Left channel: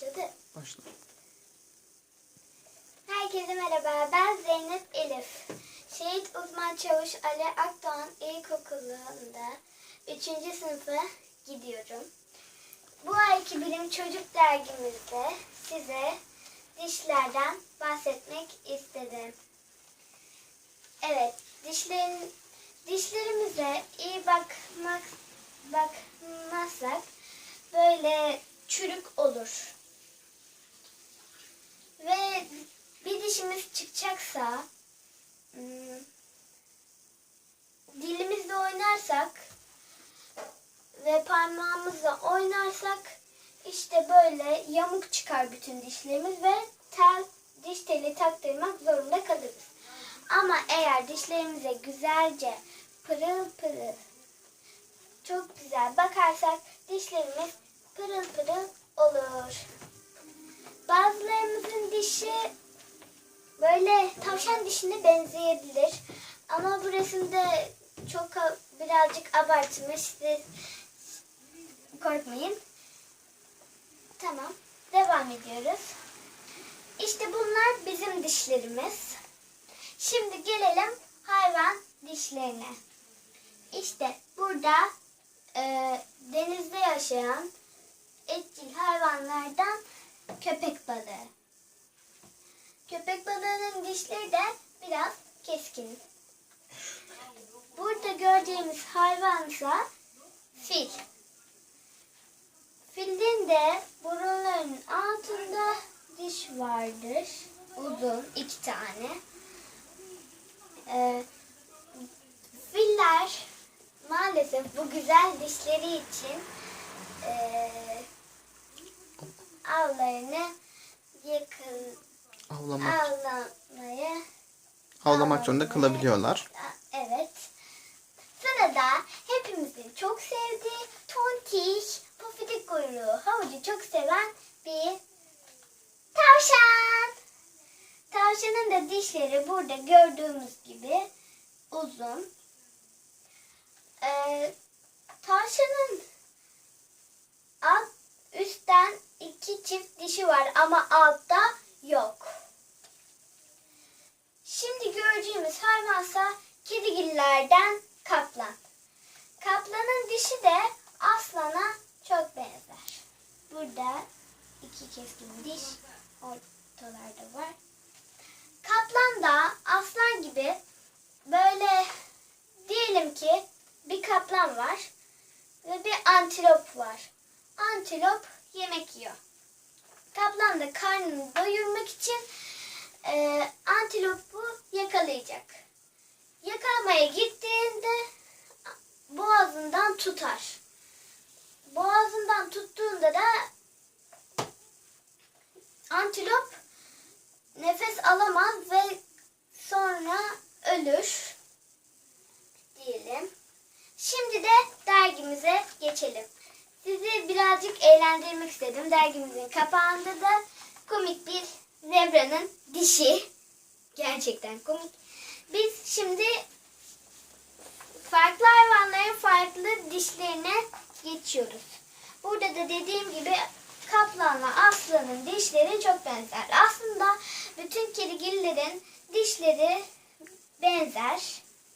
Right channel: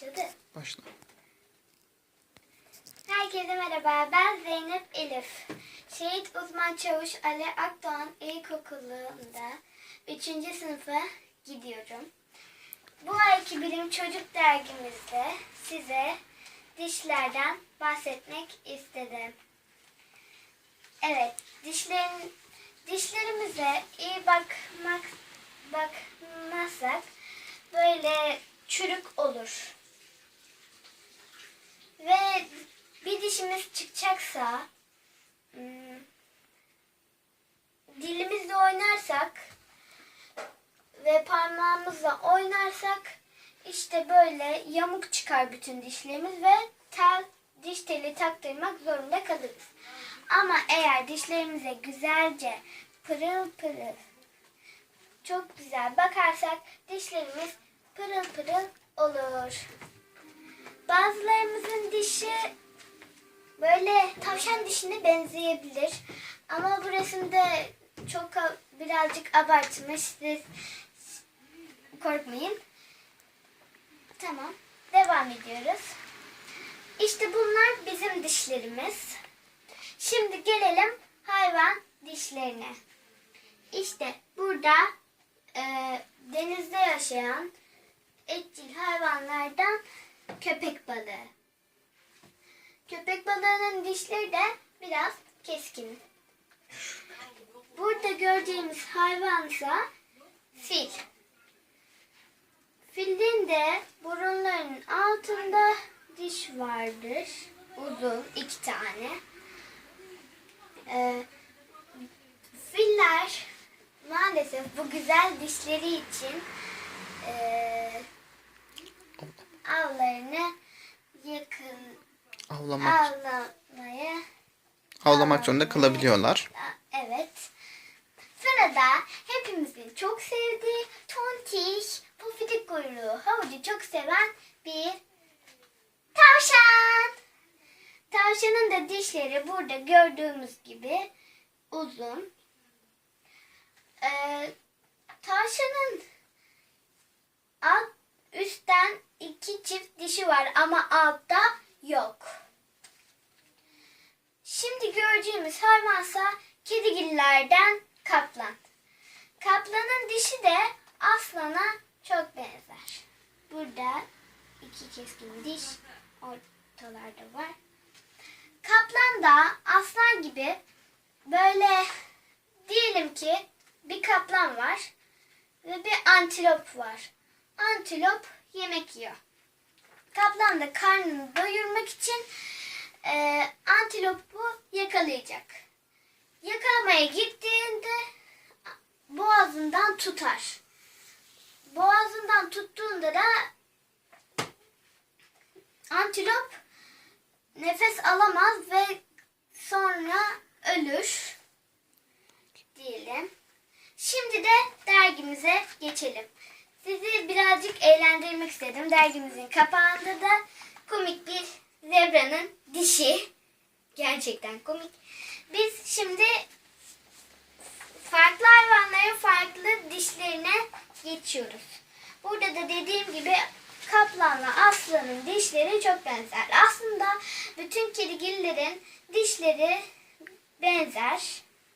Başladı. Başla. Herkese merhaba. Ben Zeynep Elif. Şehit Uzman Çavuş Ali Akdoğan İlkokulu'nda 3. sınıfa gidiyorum. Bu ayki Bilim Çocuk dergimizde size dişlerden bahsetmek istedim. Evet, dişlerin dişlerimize iyi bakmak bakmazsak böyle çürük olur. Ve bir dişimiz çıkacaksa hmm, dilimizle oynarsak ve parmağımızla oynarsak işte böyle yamuk çıkar bütün dişlerimiz ve tel diş teli taktırmak zorunda kalırız. Ama eğer dişlerimize güzelce pırıl pırıl çok güzel bakarsak dişlerimiz pırıl pırıl olur. Bazılarımızın dişi böyle tavşan dişine benzeyebilir. Ama bu resimde çok birazcık abartmış. Siz korkmayın. Tamam. Devam ediyoruz. İşte bunlar bizim dişlerimiz. Şimdi gelelim hayvan dişlerine. İşte burada e, denizde yaşayan etçil hayvanlardan. Köpek balığının dişleri de biraz keskin. Burada gördüğümüz hayvansa fil. Filin de burunlarının altında diş vardır. Uzun iki tane. Ee, filler maalesef bu güzel dişleri için ee, avlarını yakın Avlamak, avlamaya avlamak zorunda kalabiliyorlar. evet. Sırada hepimizin çok sevdiği tontiş, pufidik kuyruğu, havucu çok seven bir tavşan. Tavşanın da dişleri burada gördüğümüz gibi uzun. Ee, tavşanın alt üstten iki çift dişi var ama altta yok. Şimdi gördüğümüz hayvansa kedigillerden kaplan. Kaplanın dişi de aslana çok benzer. Burada iki keskin diş ortalarda var. Kaplan da aslan gibi böyle diyelim ki bir kaplan var ve bir antilop var. Antilop yemek yiyor. Kaplan da karnını doyurmak için Yakalamaya gittiğinde boğazından tutar. Boğazından tuttuğunda da antilop nefes alamaz ve sonra ölür diyelim. Şimdi de dergimize geçelim. Sizi birazcık eğlendirmek istedim. Dergimizin kapağında da komik bir zebranın dişi. Gerçekten komik. Biz şimdi farklı hayvanların farklı dişlerine geçiyoruz. Burada da dediğim gibi kaplanla aslanın dişleri çok benzer. Aslında bütün kedigillerin dişleri benzer.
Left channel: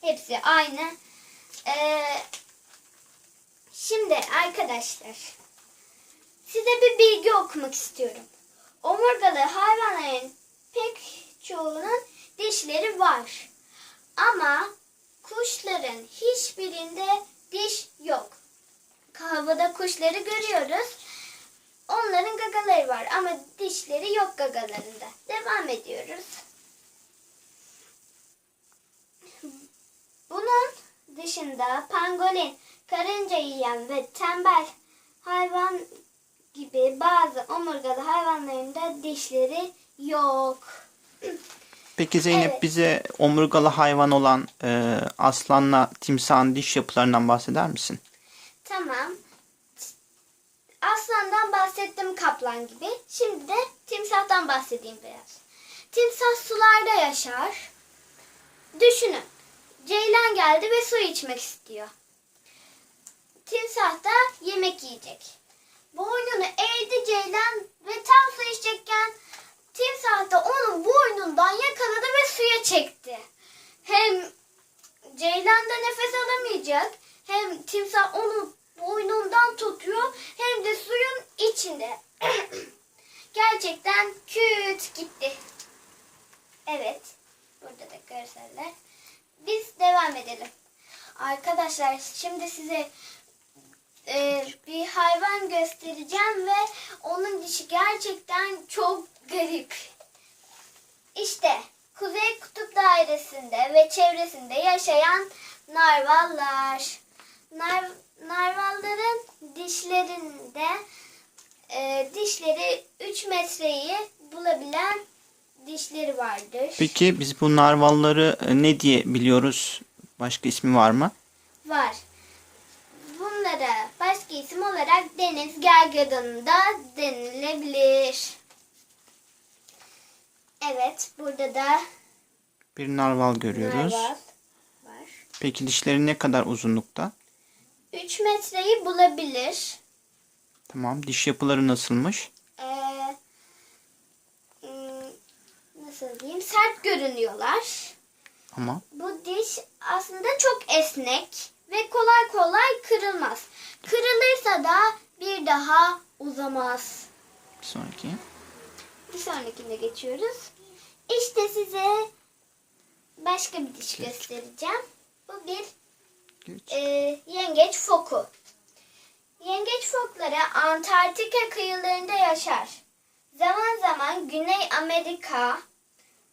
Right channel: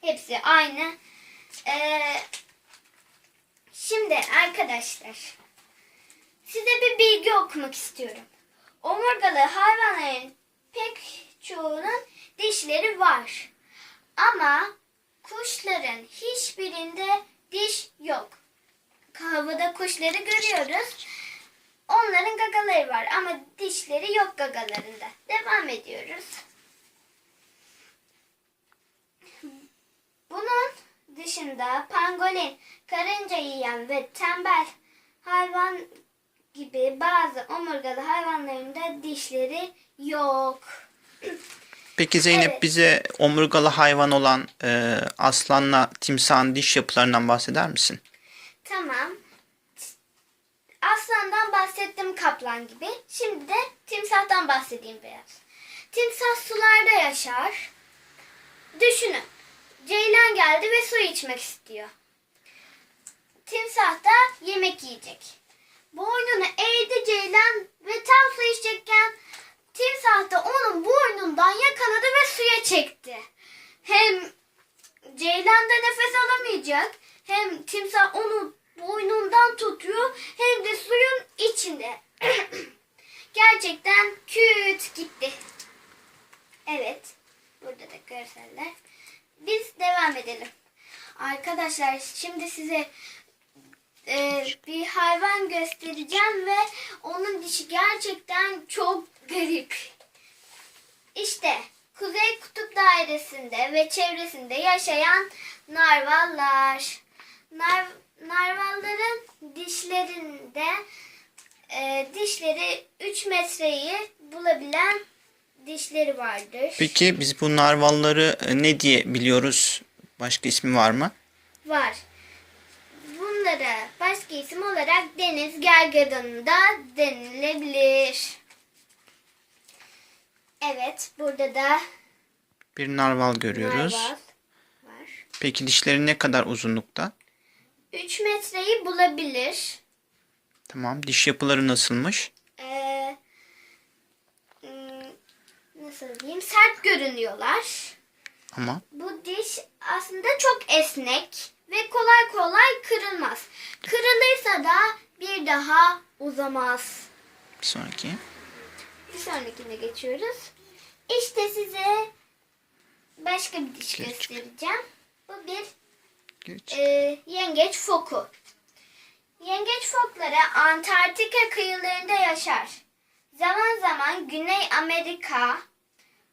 Hepsi aynı. Ee, şimdi arkadaşlar size bir bilgi okumak istiyorum. Omurgalı hayvanların pek çoğunun dişleri var. Ama kuşların hiçbirinde diş yok. Havada kuşları görüyoruz. Onların gagaları var ama dişleri yok gagalarında. Devam ediyoruz. Bunun dışında pangolin, karınca yiyen ve tembel hayvan gibi bazı omurgalı hayvanların da dişleri yok. Peki Zeynep Evet. bize omurgalı hayvan olan e, aslanla timsahın diş yapılarından bahseder misin? Tamam. Aslandan bahsettim kaplan gibi. Şimdi de timsahtan bahsedeyim biraz. Timsah sularda yaşar. Düşünün. Ceylan geldi ve su içmek istiyor. Timsah da yemek yiyecek. Biz devam edelim. Arkadaşlar şimdi size e, bir hayvan göstereceğim ve onun dişi gerçekten çok garip. İşte Kuzey Kutup Dairesi'nde ve çevresinde yaşayan narvallar. Nar, narvalların dişlerinde e, dişleri 3 metreyi bulabilen dişleri vardır. Peki biz bu narvalları e, ne diye biliyoruz? Başka ismi var mı? Var. Bunlara başka isim olarak deniz gergedanı da denilebilir. Evet, burada da Bir narval görüyoruz. narval var. Peki dişleri ne kadar uzunlukta? 3 metreyi bulabilir. Tamam. Diş yapıları nasılmış? Ee, hmm, nasıl diyeyim? Sert görünüyorlar. Ama Bu diş aslında çok esnek ve kolay kolay kırılmaz. Kırılırsa da bir daha uzamaz. bir sonraki. Bir sonrakine geçiyoruz. İşte size başka bir diş Geç. göstereceğim. Bu bir Geç. e, yengeç foku. Yengeç fokları Antarktika kıyılarında yaşar. Zaman zaman Güney Amerika,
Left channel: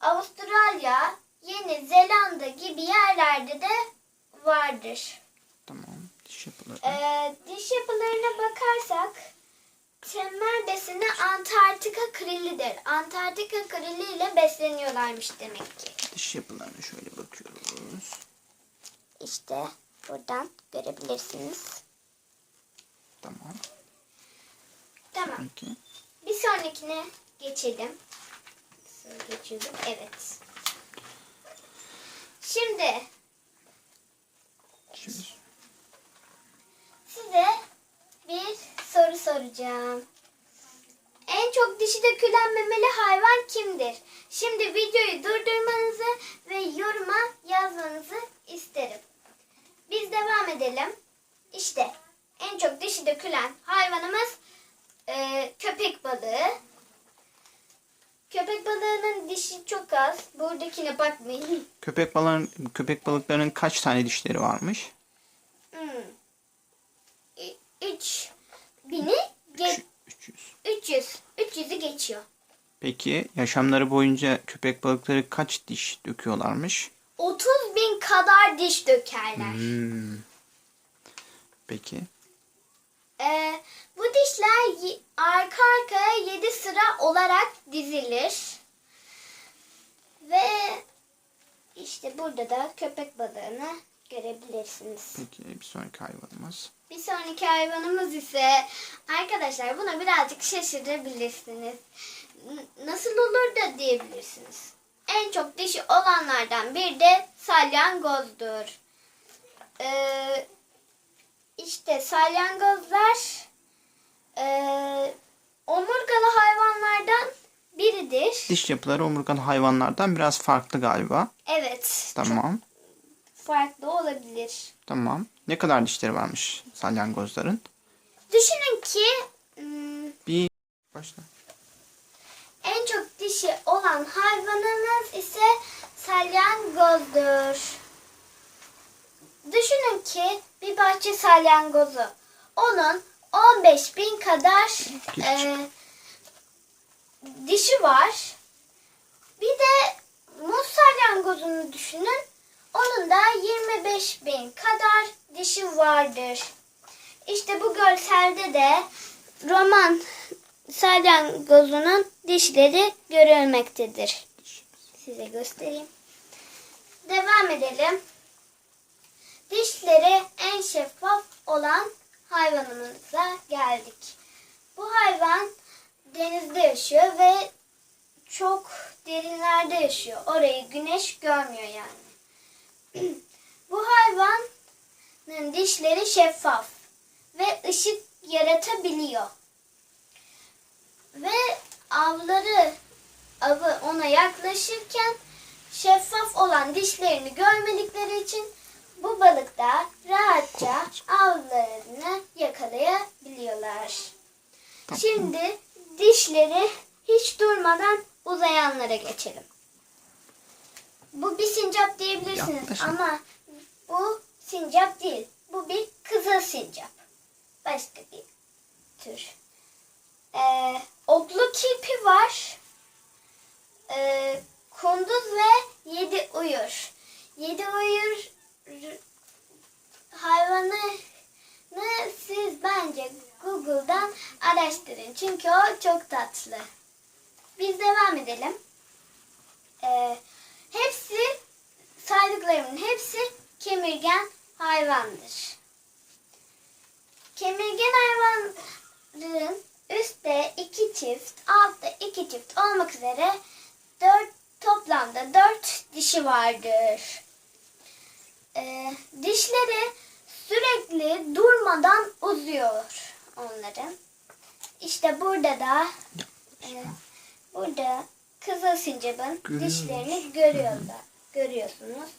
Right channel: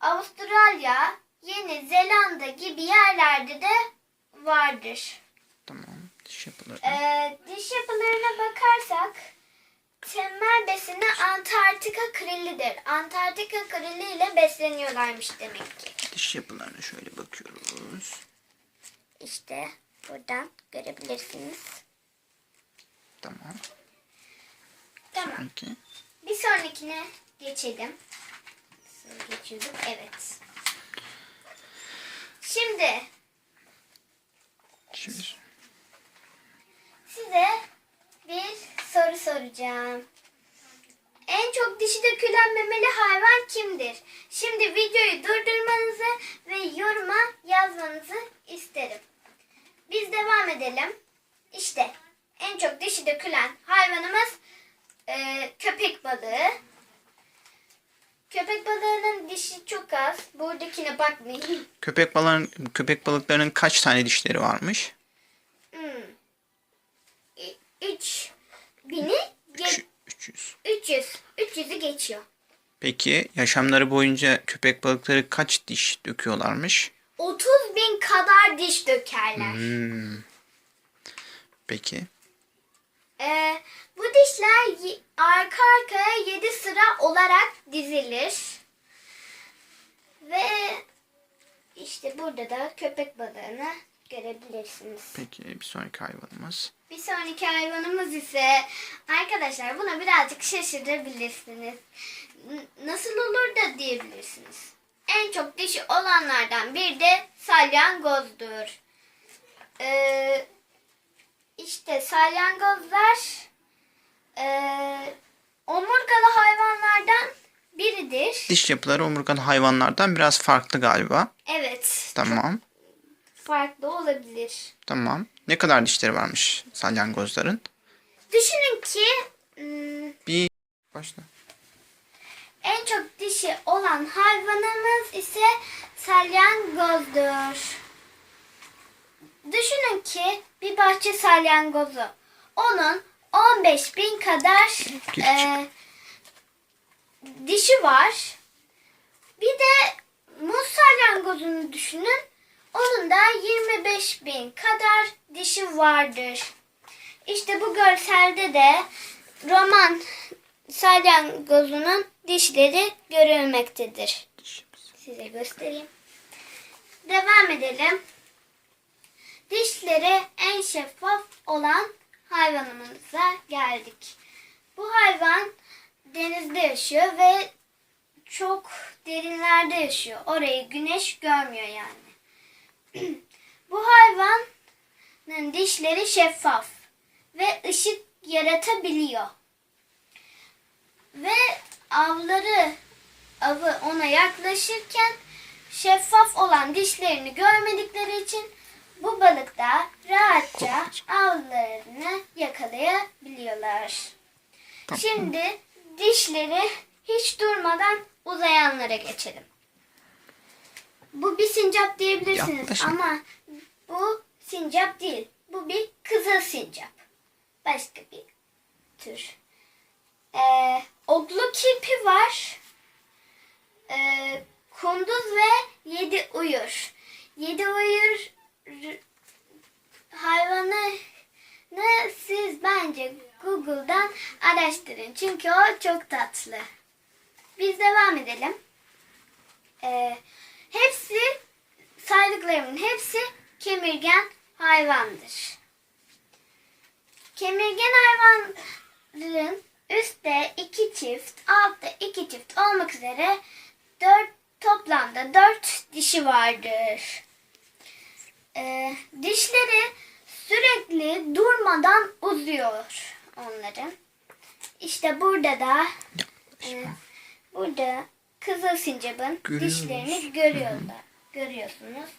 Avustralya, Yeni Zelanda gibi yerlerde de vardır. Tamam. Diş yapıları. Ee, diş yapılarına bakarsak temel besini Antarktika krillidir. Antarktika krilli ile besleniyorlarmış demek ki. Diş yapılarına şöyle bakıyoruz. İşte buradan görebilirsiniz. Tamam. Tamam. Peki. Bir sonrakine geçelim. Nasıl geçiyorduk? Evet. Şimdi Şimdi size bir soru soracağım. En çok dişi dökülen memeli hayvan kimdir? Şimdi videoyu durdurmanızı ve yoruma yazmanızı isterim. Biz devam edelim. İşte en çok dişi dökülen hayvanımız e, köpek balığı. Köpek balığının dişi çok az. Buradakine bakmayın. köpek balığın köpek balıklarının kaç tane dişleri varmış? Hmm. Ü- Üç bini ge- Üç- 300. 300. 300'ü geçiyor. Peki yaşamları boyunca köpek balıkları kaç diş döküyorlarmış? 30 bin kadar diş dökerler. Hmm. Peki. Ee, bu dişler arka arkaya 7 sıra olarak dizilir. Ve işte burada da köpek balığını görebilirsiniz. Peki bir sonraki hayvanımız. Bir sonraki hayvanımız ise arkadaşlar buna birazcık şaşırabilirsiniz. Nasıl olur da diyebilirsiniz. En çok dişi olanlardan bir de salyangozdur. Ee, işte salyangozlar ee, omurgalı hayvanlardan biridir. Diş yapıları omurgalı hayvanlardan biraz farklı galiba. Evet, Tamam. farklı olabilir. Tamam. Ne kadar dişleri varmış salyangozların? Düşünün ki hmm, Bir başla. En çok dişi olan hayvanımız ise salyangozdur. Düşünün ki bir bahçe salyangozu. Onun 15 bin kadar e, dişi var. Bir de muz salyangozunu düşünün. Onun da 25 bin kadar dişi vardır. İşte bu görselde de roman salyangozunun dişleri görülmektedir. Size göstereyim. Devam edelim. Dişleri en şeffaf olan hayvanımıza geldik. Bu hayvan denizde yaşıyor ve çok derinlerde yaşıyor. Orayı güneş görmüyor yani. Bu hayvanın dişleri şeffaf ve ışık yaratabiliyor. Ve avları avı ona yaklaşırken şeffaf olan dişlerini görmedikleri için bu balıklar rahatça avlarını yakalayabiliyorlar. Şimdi dişleri hiç durmadan uzayanlara geçelim. Bu bir sincap diyebilirsiniz Yaklaşın. ama bu sincap değil. Bu bir kızıl sincap. Başka bir tür. Ee, oklu kirpi var. Ee, kunduz ve yedi uyur. Yedi uyur hayvanı ne siz bence Google'dan araştırın. Çünkü o çok tatlı. Biz devam edelim. Ee, hepsi saydıklarımın hepsi kemirgen hayvandır. Kemirgen hayvanların üstte iki çift, altta iki çift olmak üzere dört toplamda dört dişi vardır. Ee, dişleri sürekli durmadan uzuyor onların. İşte burada da e, burada kızıl sincapın Görüyoruz. dişlerini görüyorlar. Görüyorsunuz.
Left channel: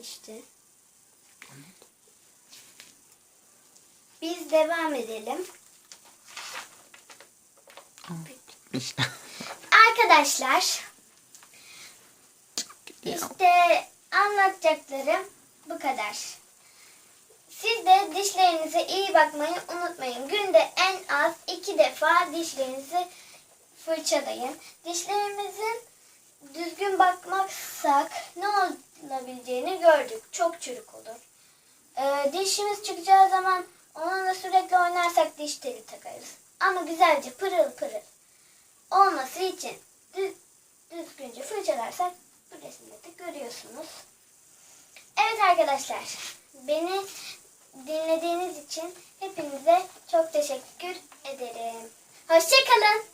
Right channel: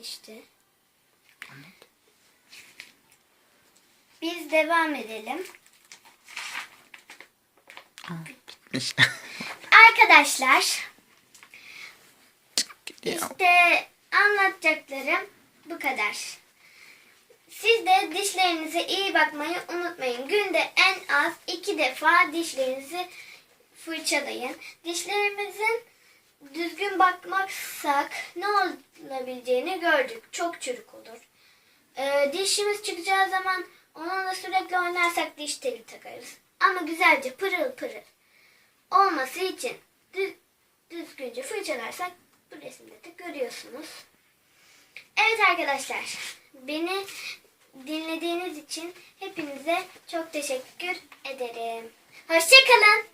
İşte. Biz devam edelim. Arkadaşlar işte anlatacaklarım bu kadar. Siz de dişlerinize iyi bakmayı unutmayın. Günde en az iki defa dişlerinizi fırçalayın. Dişlerimizin düzgün bakmazsak ne olabileceğini gördük. Çok çürük olur. Ee, dişimiz çıkacağı zaman onunla sürekli oynarsak diş teli takarız. Ama güzelce pırıl pırıl olması için düz, düzgünce fırçalarsak bu resimde de görüyorsunuz. Evet arkadaşlar beni dinlediğiniz için hepinize çok teşekkür ederim. Hoşçakalın.